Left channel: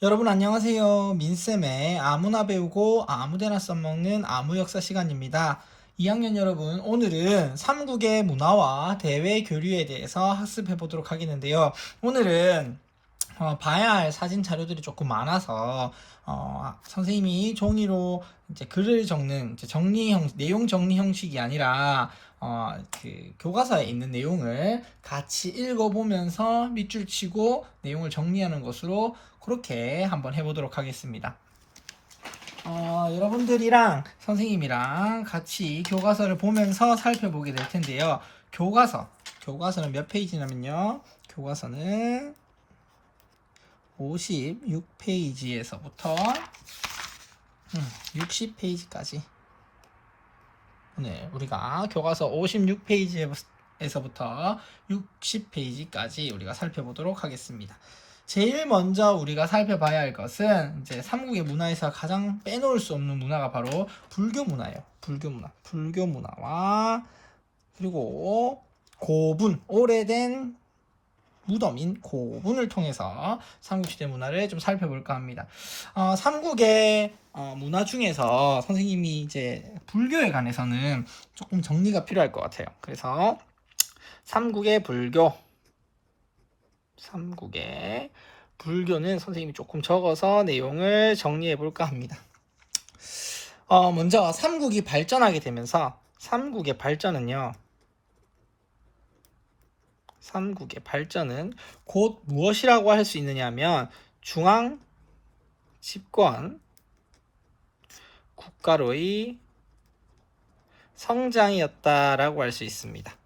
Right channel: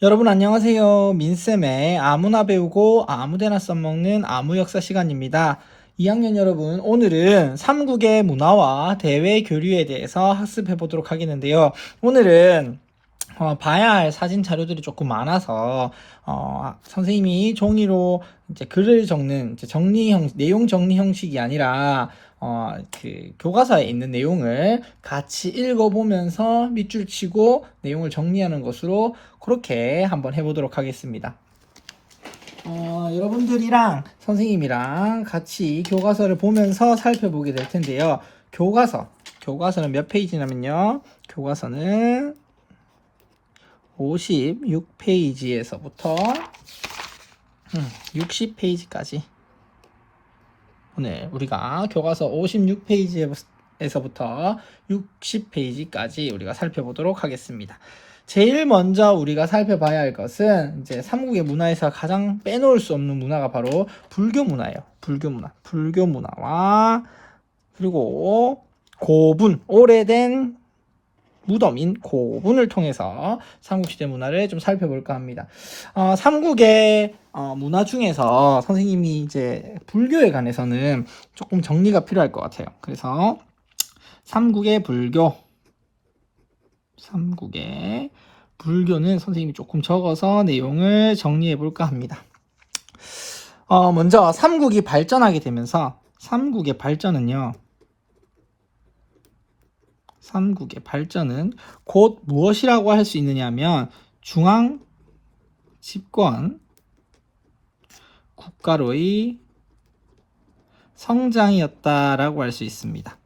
여러분 안녕하세요. 민쌤의 아무나 배우고 아무데나 써먹는 아무역사 시간입니다. 2학년 여러분, 오늘은 삼국의 문화와 대외 교류에 대해서 학습해 보도록 하겠는데요. 오늘은 봐야 할 사진 자료들이 조금 많아서 선생님이 종이로 이제 글을 적는 이제 내용 정리 형식이 아니라 그 교과서에 있는 내용을 같이 읽어보면서 밑줄 치고 내용을 정리하는 것으로 그렇게 한번 해보도록 하겠습니다. 여러분들이랑 선생님이랑 같이 교과서를 보면서 살펴보게 될 텐데요. 교과서는 몇 페이지냐면요. 교과서는 56페이지에서부터 60페이지까지 오늘 우리가 교과서 56페이지에서부터 60페이지까지 우리가 살펴보도록 하겠습니다. 제일 먼저 우리가 살펴봐야 할 것은 이제 삼국의 문화에서 가장 빼놓을 수 없는 문화가 바로 불교 문화예요. 불교 문화와 그리고 고분, 오래된 무덤인 고분을 통해서 삼국시대 문화를 좀 살펴볼까 합니다. 삼국의 문화 중에서 선생님이 이제 불교에 관해서는 조금 정리가 필요할 것 같아요. 그래서 삼국의 불교는 선생님이 조금 적어서 내용을 정리해 볼까 합니다. 먼저 삼국이 발전하게 되면서 삼국의 발전은 곧 무엇이라고 할 수 있느냐면 중앙 집권 국가로의 성장이었다라고 할 수 있습니다.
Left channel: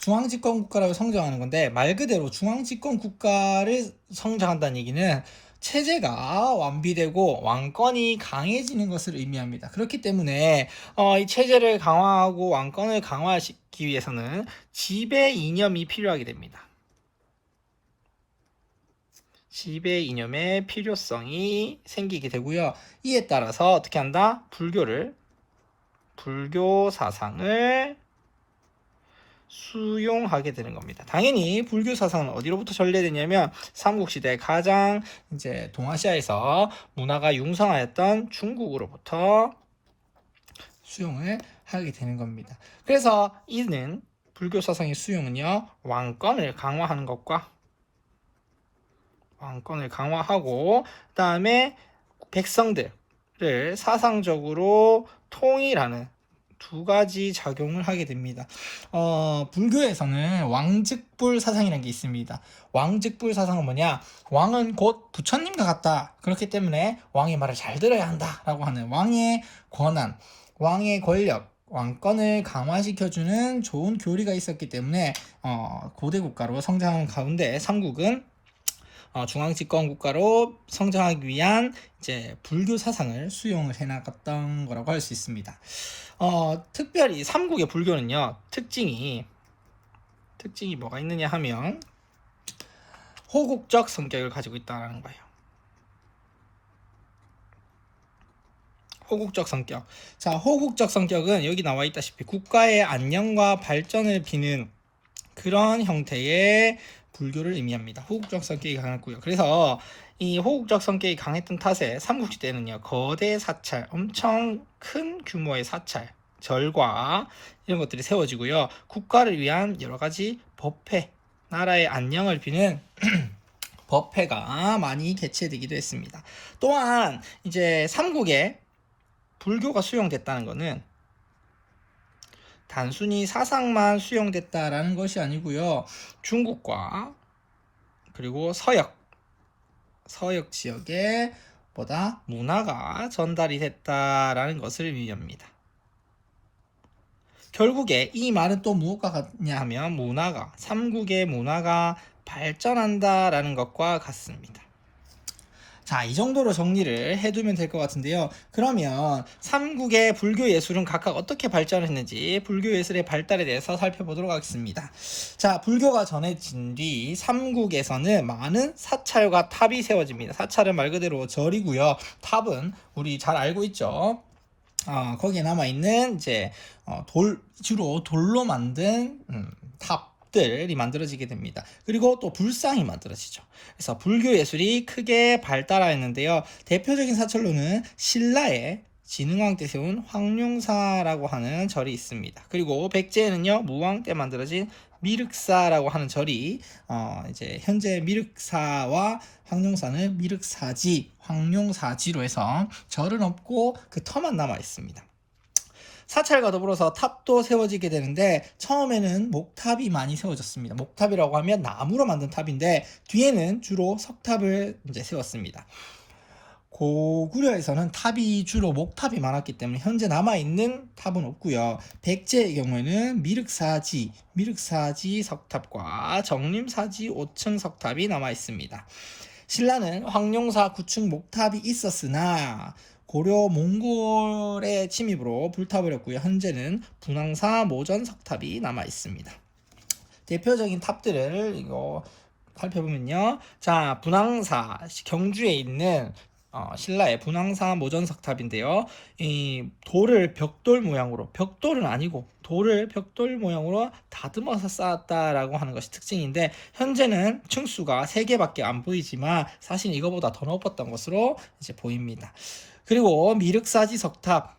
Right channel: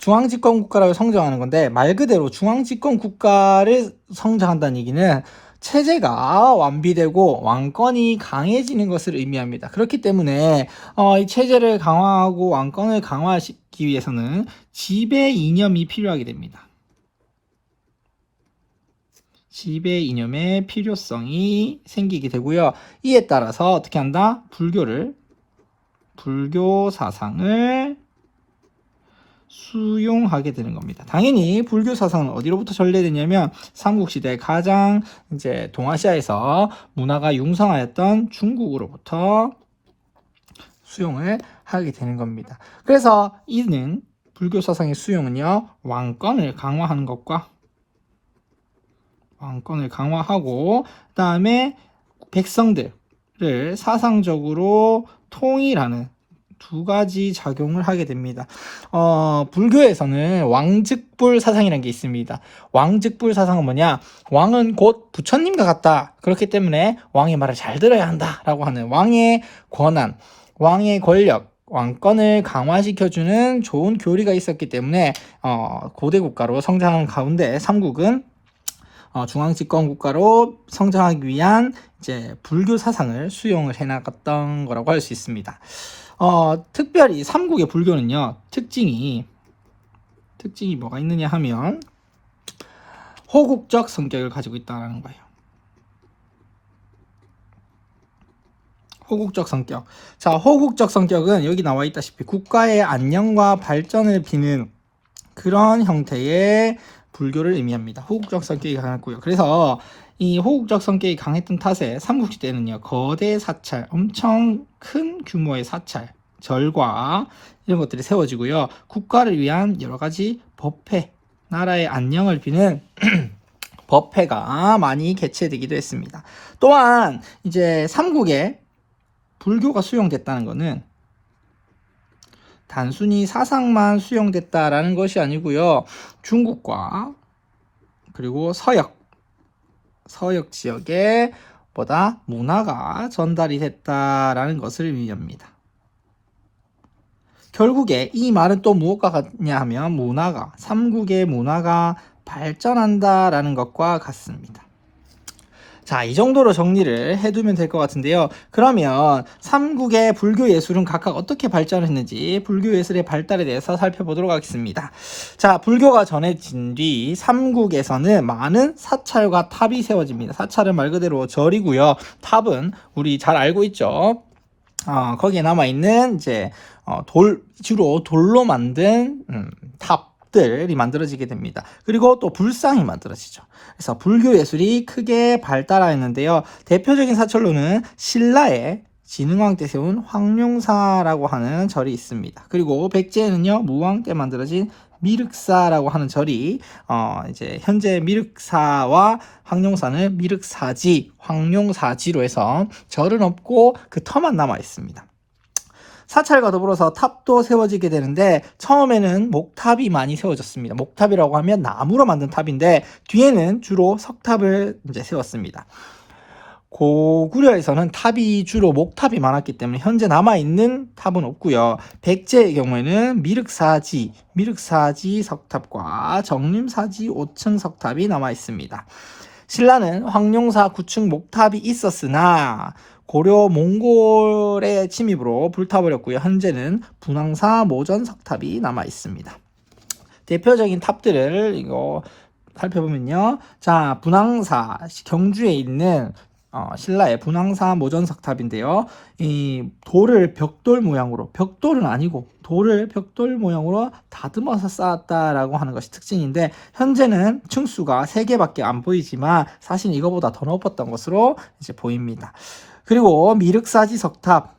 중앙집권 국가라고 성장하는 건데 말 그대로 중앙집권 국가를 성장한다는 얘기는 체제가 완비되고 왕권이 강해지는 것을 의미합니다. 그렇기 때문에 이 체제를 강화하고 왕권을 강화시키기 위해서는 지배 이념이 필요하게 됩니다. 지배 이념의 필요성이 생기게 되고요. 이에 따라서 어떻게 한다? 불교 사상을 수용하게 되는 겁니다. 당연히 불교 사상은 어디로부터 전래되냐면 삼국시대 가장 이제 동아시아에서 문화가 융성하였던 중국으로부터 수용을 하게 되는 겁니다. 그래서 이는 불교 사상의 수용은요, 왕권을 강화하고 그다음에 백성들을 사상적으로 통일하는 두 가지 작용을 하게 됩니다. 불교에서는 왕즉불 사상이라는 게 있습니다. 왕즉불 사상은 뭐냐? 왕은 곧 부처님과 같다. 그렇기 때문에 왕의 말을 잘 들어야 한다라고 하는 왕의 권한, 왕의 권력, 왕권을 강화시켜주는 좋은 교리가 있었기 때문에 고대 국가로 성장한 가운데 삼국은 중앙집권 국가로 성장하기 위한 이제 불교 사상을 수용을 해나갔던 거라고 할 수 있습니다. 특별히 삼국의 불교는요, 특징이 뭐가 있느냐 하면 호국적 성격을 가지고 있다는 거예요. 호국적 성격. 자, 호국적 성격은 여기 나와 있다시피 국가의 안녕과 발전을 비는 그런 형태의 불교를 의미합니다. 호국적 성격이 강했고요. 그래서 이 호국적 성격이 강했던 탓에 삼국시대는요, 거대 사찰, 엄청 큰 규모의 사찰, 절과 이런 것들이 세워지고요. 국가를 위한 여러 가지 법회, 나라의 안녕을 비는 법회가 많이 개최되기도 했습니다. 또한 이제 삼국에 불교가 수용됐다는 것은 단순히 사상만 수용됐다라는 것이 아니고요. 중국과 그리고 서역 지역에 보다 문화가 전달이 됐다라는 것을 의미합니다. 결국에 이 말은 또 무엇과 같냐 하면 삼국의 문화가 발전한다라는 것과 같습니다. 자, 이 정도로 정리를 해두면 될 것 같은데요. 그러면 삼국의 불교 예술은 각각 어떻게 발전했는지 불교 예술의 발달에 대해서 살펴보도록 하겠습니다. 자, 불교가 전해진 뒤 삼국에서는 많은 사찰과 탑이 세워집니다. 사찰은 말 그대로 절이고요. 탑은 우리 잘 알고 있죠. 거기에 남아있는 이제 주로 돌로 만든 탑, 탑들이 만들어지게 됩니다. 그리고 또 불상이 만들어지죠. 그래서 불교 예술이 크게 발달하였는데요. 대표적인 사찰로는 신라의 진흥왕 때 세운 황룡사라고 하는 절이 있습니다. 그리고 백제에는요, 무왕 때 만들어진 미륵사라고 하는 절이 이제 현재 미륵사와 황룡사는 미륵사지, 황룡사지로 해서 절은 없고 그 터만 남아 있습니다. 사찰과 더불어서 탑도 세워지게 되는데 처음에는 목탑이 많이 세워졌습니다. 목탑이라고 하면 나무로 만든 탑인데 뒤에는 주로 석탑을 이제 세웠습니다. 고구려에서는 탑이 주로 목탑이 많았기 때문에 현재 남아있는 탑은 없고요. 백제의 경우에는 미륵사지 석탑과 정림사지 5층 석탑이 남아있습니다. 신라는 황룡사 9층 목탑이 있었으나 고려 몽골의 침입으로 불타버렸고요. 현재는 분황사 모전 석탑이 남아있습니다. 대표적인 탑들을 이거 살펴보면요. 자, 분황사 경주에 있는 신라의 분황사 모전석탑인데요. 이 돌을 벽돌 모양으로, 벽돌은 아니고 돌을 벽돌 모양으로 다듬어서 쌓았다라고 하는 것이 특징인데 현재는 층수가 3개밖에 안 보이지만 사실 이거보다 더 높았던 것으로 이제 보입니다. 그리고 미륵사지 석탑,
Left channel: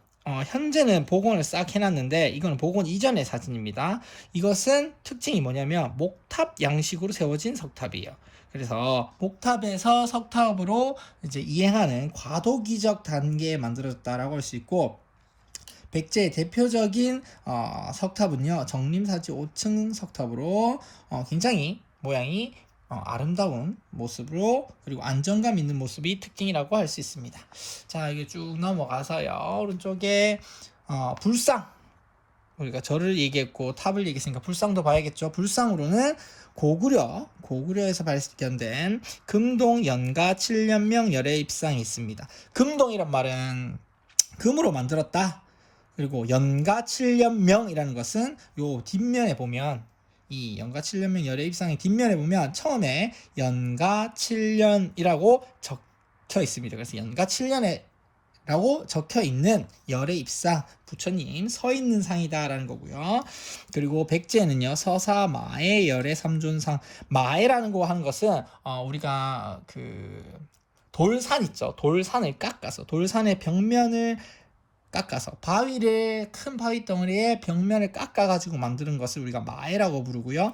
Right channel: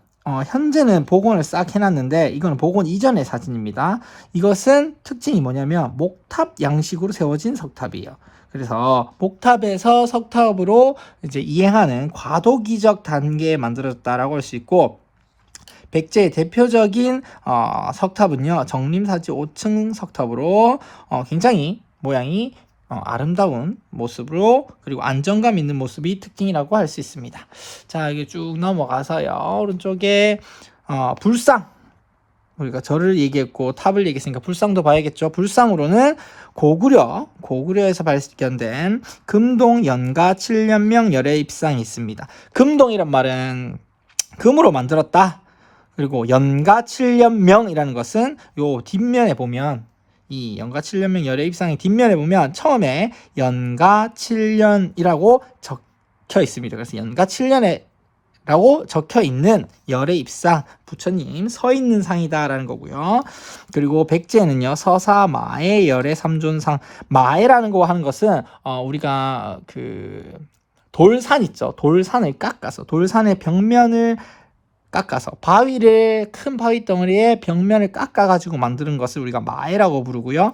현재는 복원을 싹 해놨는데 이건 복원 이전의 사진입니다. 이것은 특징이 뭐냐면 목탑 양식으로 세워진 석탑이에요. 그래서 목탑에서 석탑으로 이제 이행하는 과도기적 단계에 만들어졌다라고 할 수 있고, 백제의 대표적인 석탑은요, 정림사지 5층 석탑으로 굉장히 모양이 아름다운 모습으로, 그리고 안정감 있는 모습이 특징이라고 할 수 있습니다. 자, 이게 쭉 넘어가서요, 오른쪽에 불상, 우리가 절을 얘기했고 탑을 얘기했으니까 불상도 봐야겠죠. 불상으로는 고구려에서 발견된 금동 연가 7년명 열애 입상이 있습니다. 금동이란 말은 금으로 만들었다. 그리고 연가 7년명이라는 것은 요 뒷면에 보면, 이 연가 7년명 열애 입상의 뒷면에 보면 처음에 연가 7년이라고 적혀 있습니다. 그래서 연가 7년에 라고 적혀 있는 열애 입상, 부처님 서 있는 상이다라는 거고요. 그리고 백제는요, 서사 마애 열애 삼존상. 마애라는 거 하는 것은 우리가 그 돌산 있죠. 돌산을 깎아서, 돌산의 벽면을 깎아서, 큰 바위 덩어리의 벽면을 깎아가지고 만드는 것을 우리가 마애라고 부르고요.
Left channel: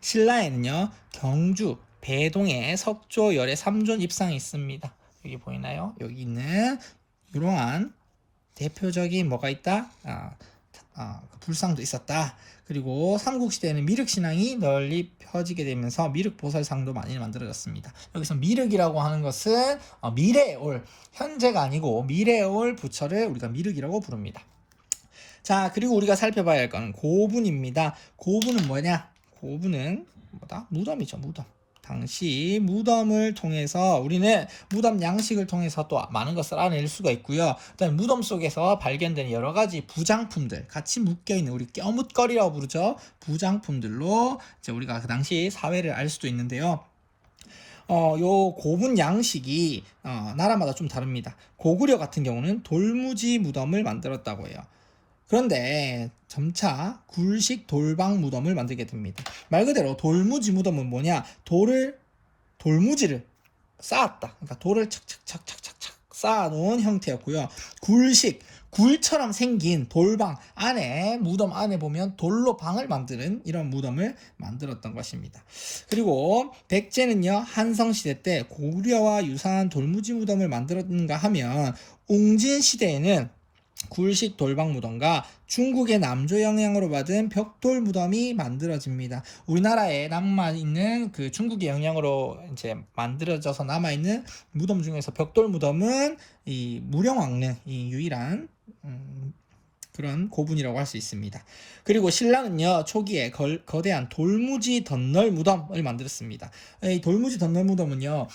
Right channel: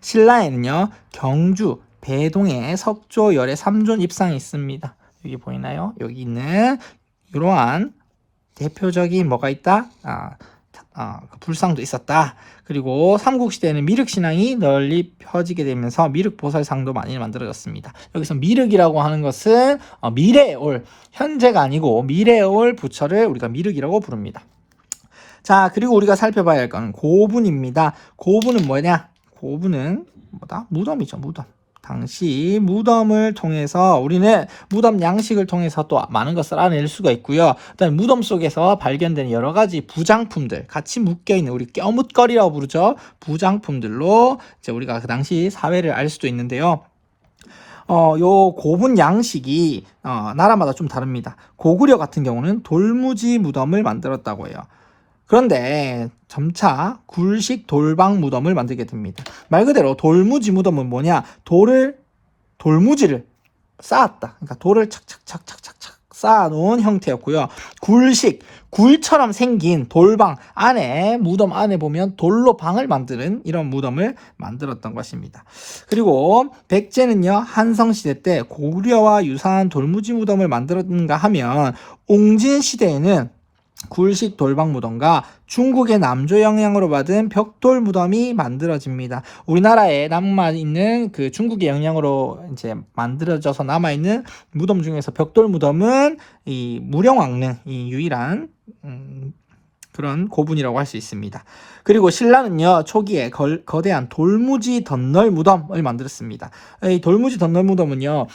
신라에는요, 경주 배동에 석조 열애 삼존 입상이 있습니다. 여기 보이나요? 여기 있는 이러한 대표적인 뭐가 있다? 불상도 있었다. 그리고 삼국시대에는 미륵신앙이 널리 펴지게 되면서 미륵보살상도 많이 만들어졌습니다. 여기서 미륵이라고 하는 것은 미래에 올, 현재가 아니고 미래에 올 부처를 우리가 미륵이라고 부릅니다. 자, 그리고 우리가 살펴봐야 할 건 고분입니다. 고분은 뭐냐? 고분은 뭐다? 무덤이죠, 무덤. 당시 무덤을 통해서 우리는 무덤 양식을 통해서 또 많은 것을 알아낼 수가 있고요. 그다음에 무덤 속에서 발견된 여러 가지 부장품들, 같이 묶여있는, 우리 껴묻거리라고 부르죠. 부장품들로 이제 우리가 그 당시 사회를 알 수도 있는데요. 요 고분 양식이 나라마다 좀 다릅니다. 고구려 같은 경우는 돌무지 무덤을 만들었다고 해요. 그런데 점차 굴식 돌방 무덤을 만들게 됩니다. 말 그대로 돌무지 무덤은 뭐냐? 돌무지를 쌓았다. 그러니까 돌을 착착착착착착 쌓아놓은 형태였고요. 굴처럼 생긴 돌방 안에, 무덤 안에 보면 돌로 방을 만드는 이런 무덤을 만들었던 것입니다. 그리고 백제는요, 한성시대 때 고구려와 유사한 돌무지 무덤을 만들었는가 하면 웅진 시대에는 굴식 돌방 무덤과 중국의 남조 영향으로 받은 벽돌 무덤이 만들어집니다. 우리나라에 남아있는 그 중국의 영향으로 이제 만들어져서 남아있는 무덤 중에서 벽돌 무덤은 이 무령왕릉, 이 유일한 그런 고분이라고 할 수 있습니다. 그리고 신라는요, 초기에 거대한 돌무지 덧널 무덤을 만들었습니다. 이 돌무지 덧널 무덤은요,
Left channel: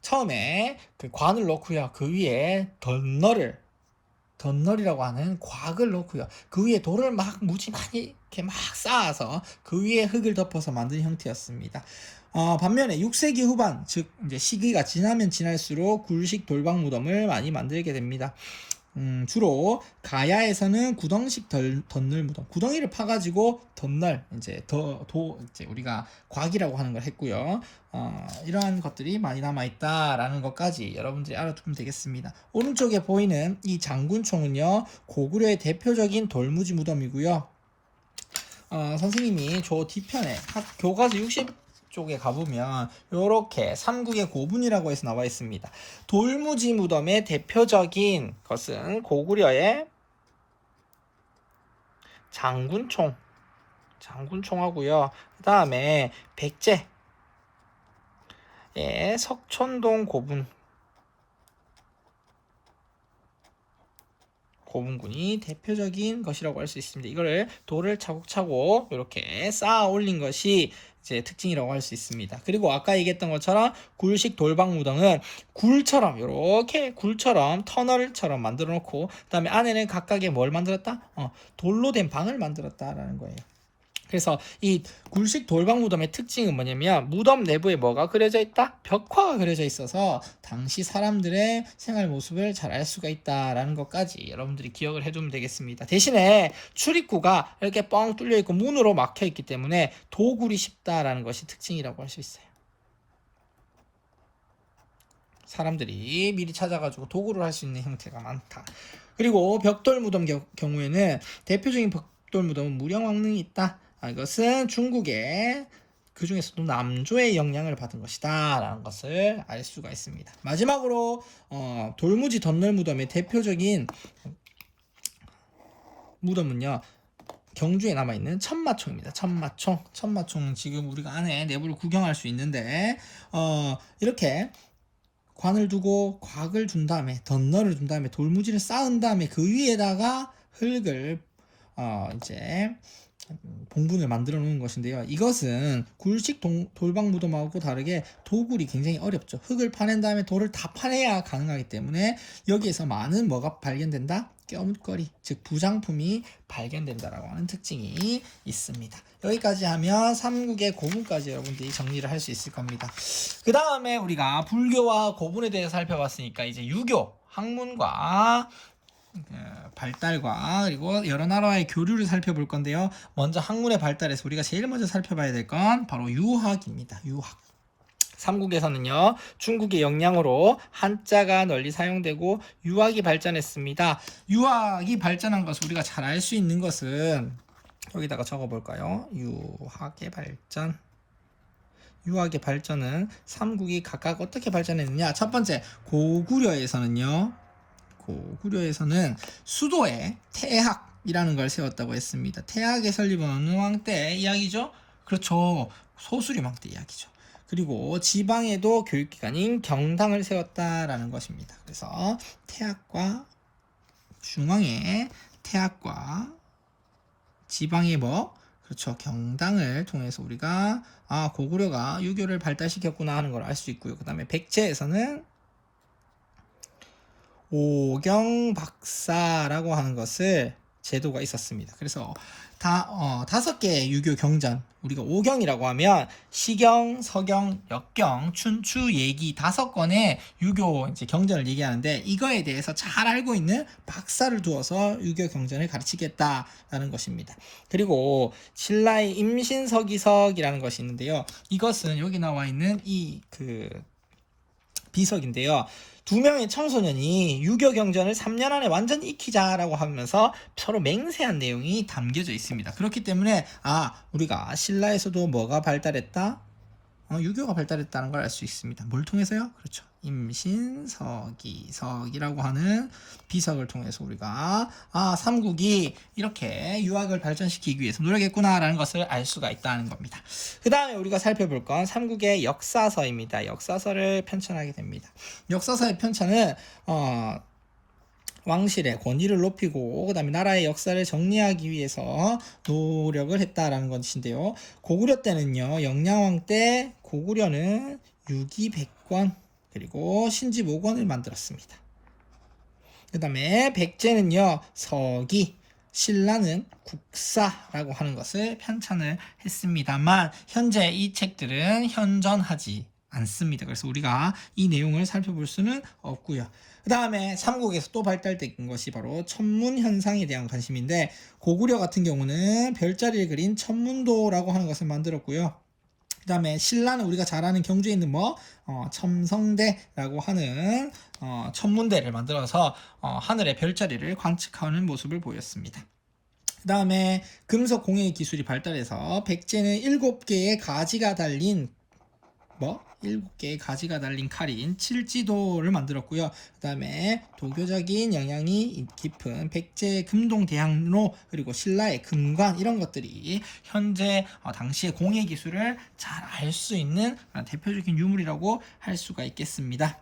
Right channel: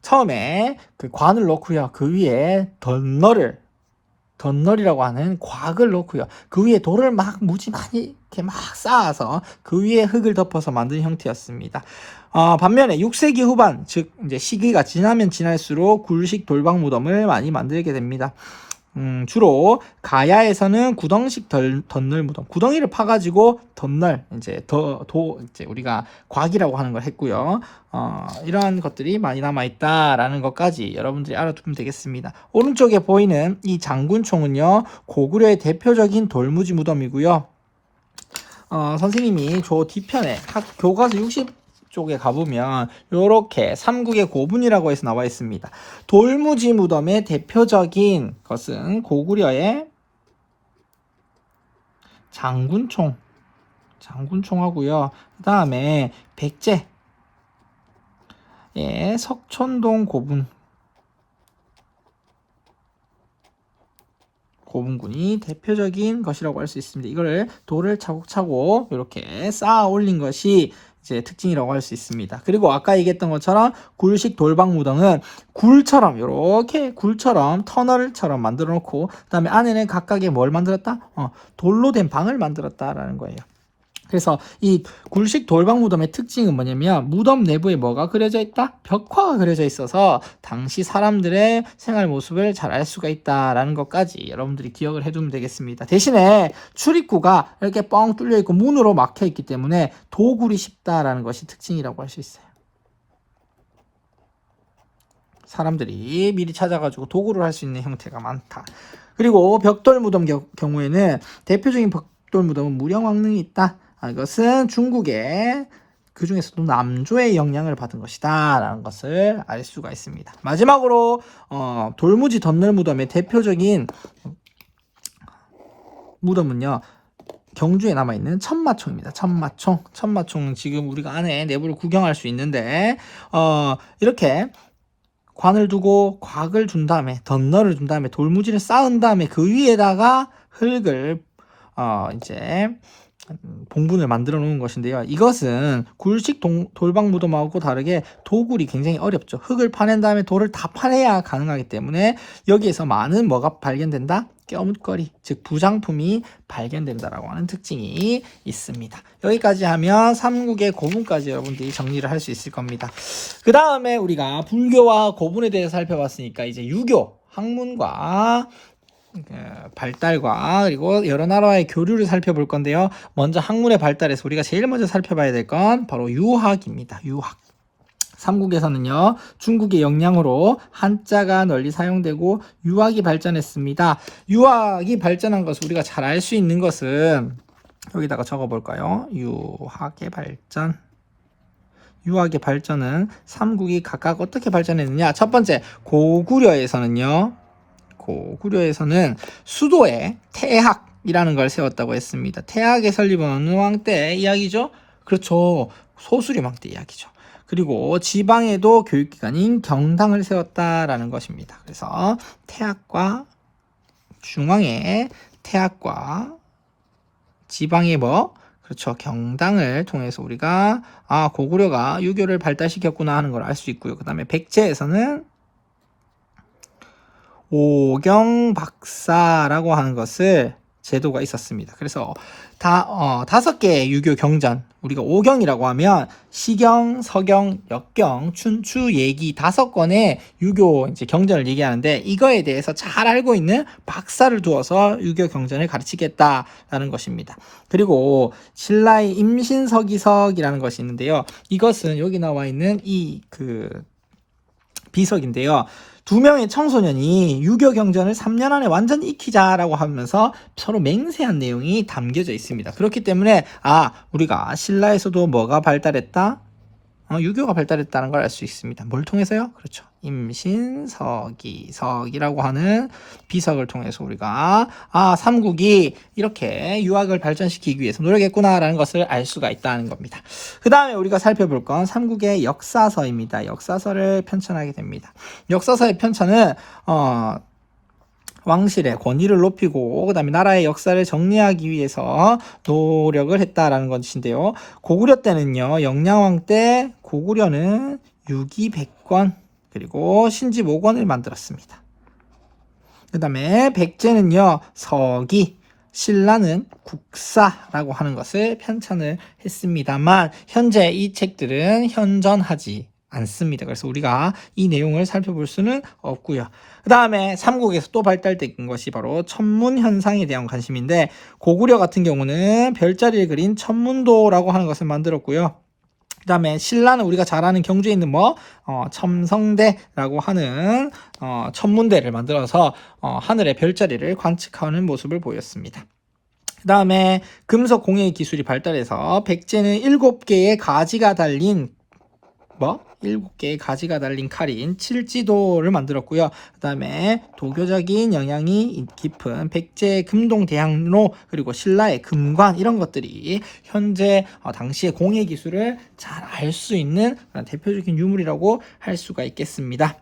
처음에 그 관을 놓고요, 그 위에 덧널이라고 하는 곽을 놓고요, 그 위에 돌을 무지 많이 이렇게 막 쌓아서 그 위에 흙을 덮어서 만든 형태였습니다. 반면에 6세기 후반, 즉 이제 시기가 지나면 지날수록 굴식 돌방 무덤을 많이 만들게 됩니다. 주로 가야에서는 구덩식 덧널 무덤, 구덩이를 파가지고 덧널, 이제 우리가 곽이라고 하는 걸 했고요. 이러한 것들이 많이 남아있다라는 것까지 여러분들이 알아두면 되겠습니다. 오른쪽에 보이는 이 장군총은요, 고구려의 대표적인 돌무지 무덤이고요. 선생님이 저 뒤편에 교과서 60쪽에 가보면 이렇게 삼국의 고분이라고 해서 나와 있습니다. 돌무지 무덤의 대표적인 것은 고구려의 장군총하고요. 그 다음에 백제의 석촌동 고분군이 대표적인 것이라고 할 수 있습니다. 이거를 돌을 차곡차곡 이렇게 쌓아 올린 것이 이제 특징이라고 할 수 있습니다. 그리고 아까 얘기했던 것처럼 굴식 돌방무덤은 이렇게 굴처럼 터널처럼 만들어 놓고 그다음에 안에는 각각의 뭘 만들었다? 돌로 된 방을 만들었다라는 거예요. 그래서 이 굴식 돌방무덤의 특징은 뭐냐면 무덤 내부에 뭐가 그려져 있다? 벽화가 그려져 있어서 당시 사람들의 생활 모습을 잘 알 수가 있다라는 것까지 여러분들이 기억을 해두면 되겠습니다. 대신에 출입구가 이렇게 뻥 뚫려 있고 문으로 막혀 있기 때문에 도굴이 쉽다라는 것이 특징이라고 할 수 있어요. 사람들이 미리 찾아가지고 도굴을 할 수 있는 형태가 많다. 그리고 벽돌무덤 경우에는 대표적인 벽돌무덤은 무령왕릉이 있다. 이것은 중국의 그 중에서도 남조의 영향을 받은 것이다 라는 것을 알 수가 있습니다. 마지막으로 돌무지 덧널 무덤의 대표적인 무덤은요, 경주에 남아있는 천마총입니다. 천마총은 지금 우리가 안에 내부를 구경할 수 있는데 이렇게 관을 두고 곽을 둔 다음에 덧널을 둔 다음에 돌무지를 쌓은 다음에 그 위에다가 흙을 이제 봉분을 만들어 놓은 것인데요. 이것은 굴식 돌방 무덤하고 다르게 도굴이 굉장히 어렵죠. 흙을 파낸 다음에 돌을 다 파내야 가능하기 때문에 여기에서 많은 뭐가 발견된다? 껴묵거리, 즉 부장품이 발견된다라고 하는 특징이 있습니다. 여기까지 하면 삼국의 고분까지 여러분들이 정리를 할 수 있을 겁니다. 그 다음에 우리가 불교와 고분에 대해서 살펴봤으니까 이제 유교, 학문과 발달과 그리고 여러 나라의 교류를 살펴볼 건데요. 먼저 학문의 발달에서 우리가 제일 먼저 살펴봐야 될 건 바로 유학입니다. 유학. 삼국에서는요, 중국의 영향으로 한자가 널리 사용되고 유학이 발전했습니다. 유학이 발전한 것을 우리가 잘 알 수 있는 것은 여기다가 적어볼까요? 유학의 발전은 삼국이 각각 어떻게 발전했느냐? 첫 번째, 고구려에서는 수도에 태학이라는 걸 세웠다고 했습니다. 태학의 설립은 어느 왕 때 이야기죠? 그렇죠. 소수림왕 때 이야기죠. 그리고 지방에도 교육기관인 경당을 세웠다라는 것입니다. 그래서 중앙의 태학과 지방의 그렇죠. 경당을 통해서 우리가 고구려가 유교를 발달시켰구나 하는 걸 알 수 있고요. 그 다음에 백제에서는 오경박사라고 하는 것을 제도가 있었습니다. 그래서 5개의 유교 경전, 우리가 오경이라고 하면 시경, 서경, 역경, 춘추, 예기 5건의 유교 이제 경전을 얘기하는데 이거에 대해서 잘 알고 있는 박사를 두어서 유교 경전을 가르치겠다라는 것입니다. 그리고 신라의 임신서기석이라는 것이 있는데요. 이것은 여기 나와 있는 이 비석인데요. 2명의 청소년이 유교 경전을 3년 안에 완전히 익히자라고 하면서 서로 맹세한 내용이 담겨져 있습니다. 그렇기 때문에 우리가 신라에서도 뭐가 발달했다? 유교가 발달했다는 걸 알 수 있습니다. 뭘 통해서요? 그렇죠. 임신서기석이라고 하는 비석을 통해서 우리가 삼국이 이렇게 유학을 발전시키기 위해서 노력했구나라는 것을 알 수가 있다는 겁니다. 그 다음에 우리가 살펴볼 건 삼국의 역사서입니다. 역사서를 편찬하게 됩니다. 역사서의 편찬은 왕실의 권위를 높이고 그 다음에 나라의 역사를 정리하기 위해서 노력을 했다라는 것인데요. 고구려 때는요, 영량왕 때 고구려는 유기 100권 그리고 신지 5권을 만들었습니다. 그 다음에 백제는요, 서기, 신라는 국사라고 하는 것을 편찬을 했습니다만 현재 이 책들은 현존하지 않습니다. 그래서 우리가 이 내용을 살펴볼 수는 없고요. 그 다음에 삼국에서 또 발달된 것이 바로 천문 현상에 대한 관심인데, 고구려 같은 경우는 별자리를 그린 천문도라고 하는 것을 만들었고요. 그 다음에 신라는 우리가 잘 아는 경주에 있는 첨성대라고 하는 천문대를 만들어서 하늘의 별자리를 관측하는 모습을 보였습니다. 그 다음에 금속 공예 기술이 발달해서 백제는 7개의 가지가 달린 7개의 가지가 달린 칼인 칠지도를 만들었고요. 그 다음에 도교적인 영향이 깊은 백제의 금동대학로, 그리고 신라의 금관, 이런 것들이 현재 당시의 공예 기술을 잘 알 수 있는 대표적인 유물이라고 할 수가 있겠습니다.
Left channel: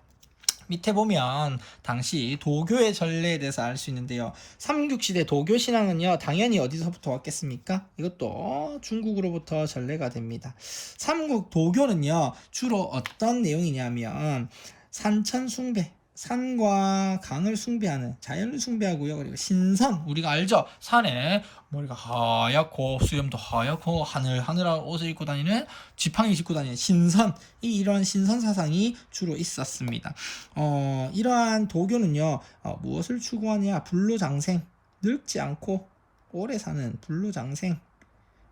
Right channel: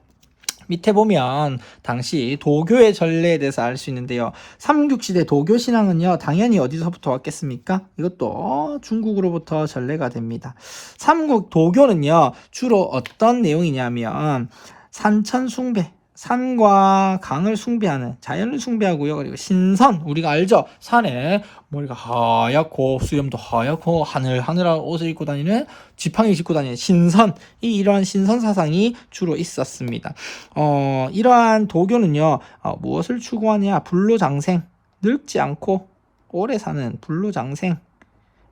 밑에 보면 당시 도교의 전례에 대해서 알 수 있는데요. 삼국시대 도교신앙은요, 당연히 어디서부터 왔겠습니까? 이것도 중국으로부터 전례가 됩니다. 삼국 도교는요, 주로 어떤 내용이냐면 산천숭배, 산과 강을 숭배하는, 자연을 숭배하고요. 그리고 신선, 우리가 알죠? 산에 머리가 하얗고 수염도 하얗고 하늘하늘한 옷을 입고 다니는, 지팡이 짚고 다니는 신선, 이러한 신선 사상이 주로 있었습니다. 이러한 도교는요, 무엇을 추구하냐? 불로장생, 늙지 않고 오래 사는 불로장생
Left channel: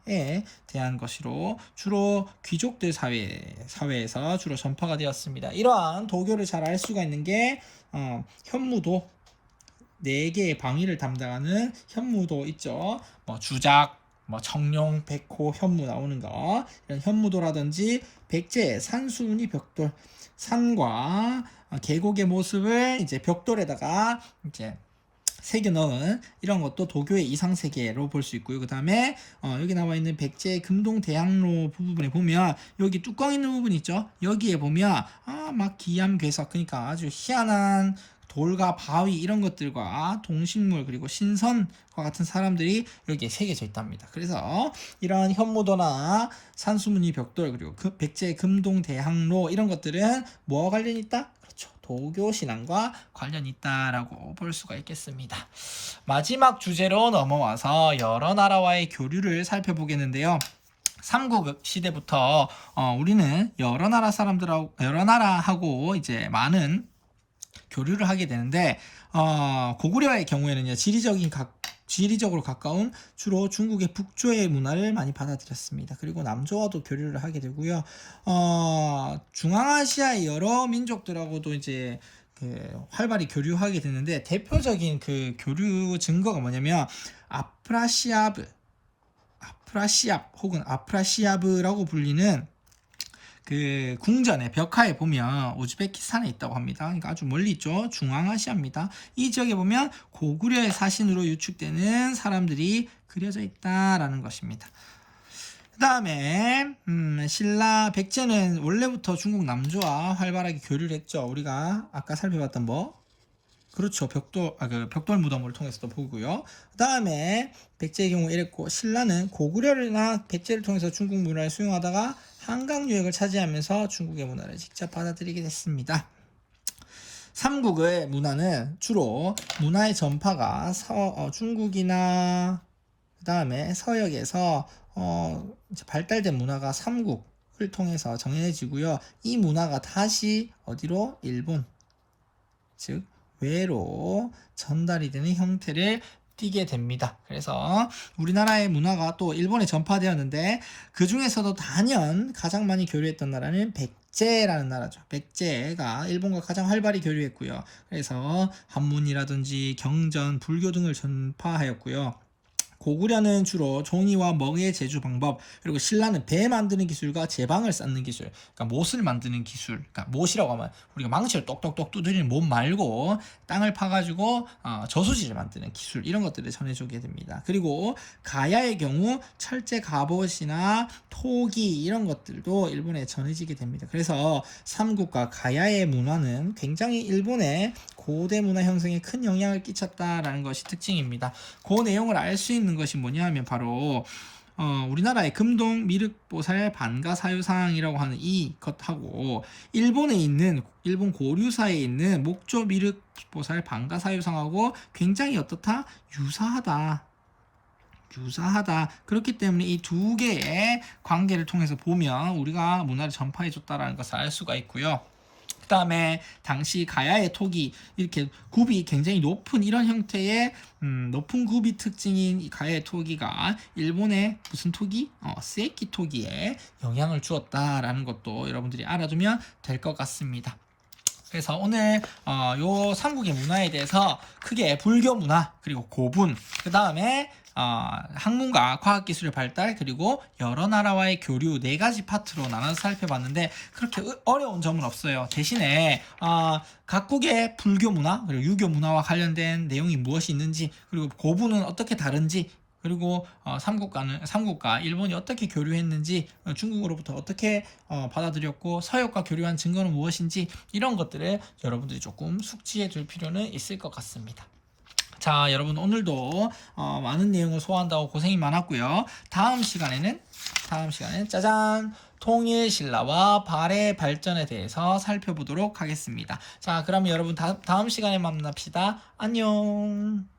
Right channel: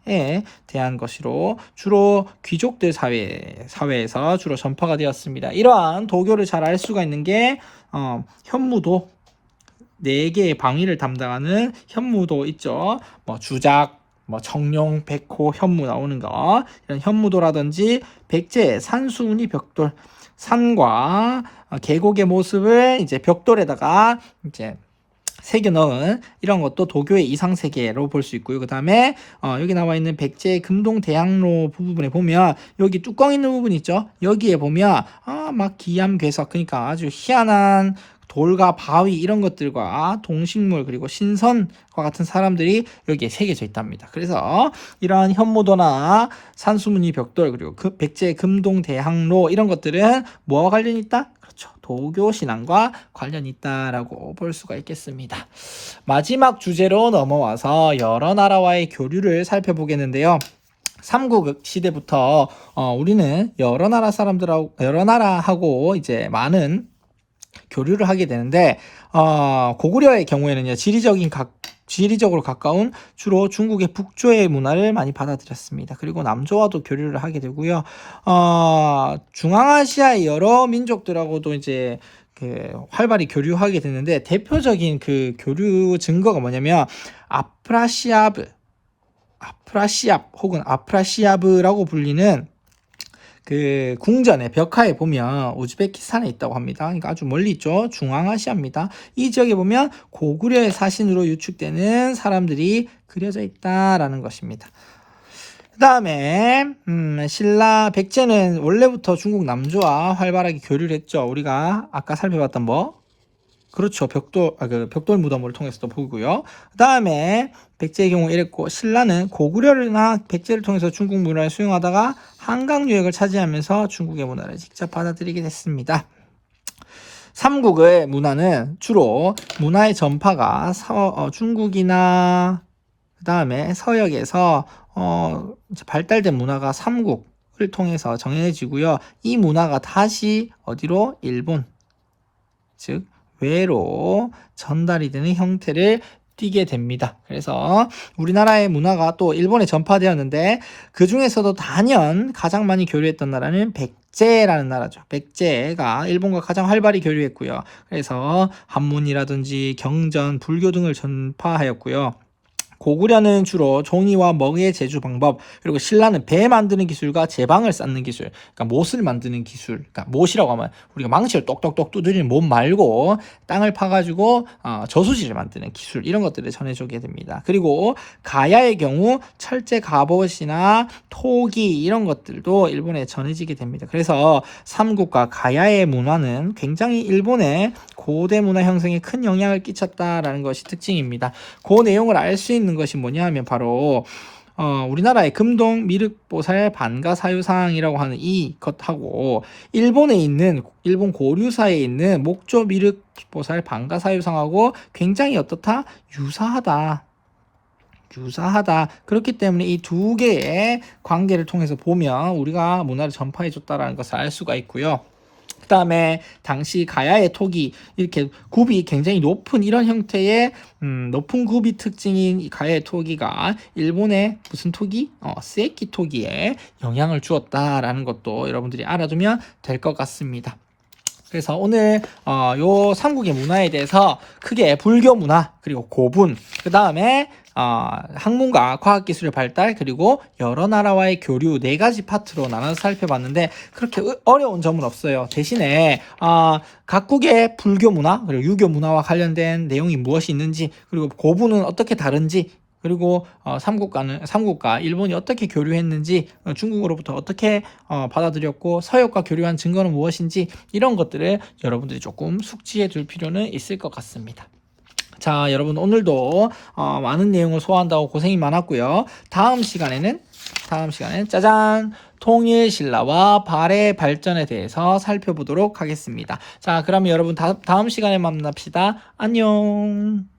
에 대한 것으로 주로 귀족들 사회에서 주로 전파가 되었습니다. 이러한 도교를 잘 알 수가 있는 게 현무도, 4개의 방위를 담당하는 현무도 있죠. 주작, 청룡, 백호, 현무 나오는 거, 이런 현무도라든지 백제의 산수문이 벽돌, 산과 계곡의 모습을 이제 벽돌에다가 이제 새겨 넣은 이런 것도 도교의 이상세계로 볼 수 있고요. 그 다음에 여기 나와 있는 백제의 금동대학로 부분에 보면 여기 뚜껑 있는 부분 있죠. 여기에 보면 막 기암괴석, 그러니까 아주 희한한 돌과 바위, 이런 것들과 동식물, 그리고 신선과 같은 사람들이 여기에 새겨져 있답니다. 그래서 이러한 현무도나 산수무늬 벽돌, 그리고 백제의 금동대학로, 이런 것들은 뭐와 관련이 있다? 도교 신앙과 관련이 있다라고 볼 수가 있겠습니다. 마지막 주제로 넘어와서 여러 나라와의 교류를 살펴보겠는데요. 삼국 시대부터 우리는 여러 나라하고 이제 많은 교류를 하게 되는데, 고구려의 경우에는요, 지리적으로 가까운 주로 중국의 북조의 문화를 많이 받아들였습니다. 그리고 남조와도 교류를 하게 되고요. 중앙아시아의 여러 민족들하고도 이제 활발히 교류하게 됐는데, 대표적인 그 교류 증거가 뭐냐면 아프라시압 혹은 아프라시아브라고 불리는 그 궁전의 벽화에 보면 우즈베키스탄에 있다고 합니다. 그러니까 아주 멀리 있죠. 중앙아시아입니다. 이 지역에 보면 고구려의 사신으로 유축되는 사람들이 그려져 있다라는 것입니다. 그 다음에 신라, 백제는 원래부터 중국 남조와 활발하게 교류를 했죠. 우리가 아까 살펴봤던 그렇죠. 벽돌 무덤을 통해서도 보고요. 그 다음에 백제의 경우 이랬고, 신라는 고구려나 백제를 통해서 중국 문화를 수용하다가 한강 유역을 차지하면서 중국의 문화를 직접 받아들이게 됐습니다. 삼국의 문화는 주로 문화의 전파가 중국이나 그 다음에 서역에서 발달된 문화가 삼국을 통해서 정해지고요. 이 문화가 다시 어디로? 일본, 즉 외로 전달이 되는 형태를 띠게 됩니다. 그래서 우리나라의 문화가 또 일본에 전파되었는데, 그 중에서도 단연 가장 많이 교류했던 나라는 백제라는 나라죠. 백제가 일본과 가장 활발히 교류했고요. 그래서 한문이라든지 경전, 불교 등을 전파하였고요. 고구려는 주로 종이와 먹이의 제조 방법, 그리고 신라는 배 만드는 기술과 제방을 쌓는 기술, 그러니까 못을 만드는 기술, 그러니까 못이라고 하면 우리가 망치를 똑똑똑 두드리는 못 말고 땅을 파가지고 저수지를 만드는 기술, 이런 것들을 전해주게 됩니다. 그리고 가야의 경우 철제 갑옷이나 토기, 이런 것들도 일본에 전해지게 됩니다. 그래서 삼국과 가야의 문화는 굉장히 일본의 고대 문화 형성에 큰 영향을 끼쳤다라는 것이 특징입니다. 그 내용을 알 수 있는 것이 뭐냐 하면 바로 우리나라의 금동 미륵보살 반가사유상이라고 하는 이것하고 일본 고류사에 있는 목조 미륵보살 반가사유상하고 굉장히 어떻다? 유사하다. 유사하다. 그렇기 때문에 이 두 개의 관계를 통해서 보면 우리가 문화를 전파해 줬다라는 것을 알 수가 있고요. 그 다음에 당시 가야의 토기, 이렇게 굽이 굉장히 높은 이런 형태의 높은 굽이 특징인 이 가야의 토기가 일본의 무슨 토기? 세키 토기에 영향을 주었다라는 것도 여러분들이 알아두면 될 것 같습니다. 그래서 오늘 요 삼국의 문화에 대해서 크게 불교 문화, 그리고 고분, 그 다음에 학문과 과학기술의 발달, 그리고 여러 나라와의 교류, 네 가지 파트로 나눠서 살펴봤는데 그렇게 어려운 점은 없어요. 대신에 각국의 불교 문화, 그리고 유교 문화와 관련된 내용이 무엇이 있는지, 그리고 고분은 어떻게 다른지, 그리고 삼국과 일본이 어떻게 교류했는지, 중국으로부터 어떻게 받아들였고, 서역과 교류한 증거는 무엇인지, 이런 것들을 여러분들이 조금 숙지해 둘 필요는 있을 것 같습니다. 자, 여러분 오늘도 많은 내용을 소화한다고 고생이 많았고요. 다음 시간에는 짜잔! 통일신라와 발의 발전에 대해서 살펴보도록 하겠습니다. 자, 그러면 여러분 다음 시간에 만납시다. 안녕!